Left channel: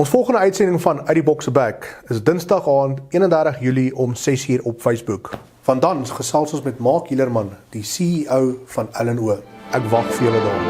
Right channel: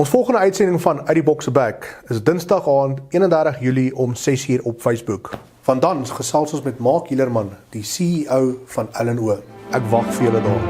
Ons volgende uitsending van Uit die Bokse Back is Dinsdag aand 31 Julie om 6:00 op Facebook. Van dan gesels ons met Mark Hielerman, die CEO van L&O. Ek wag vir julle daar.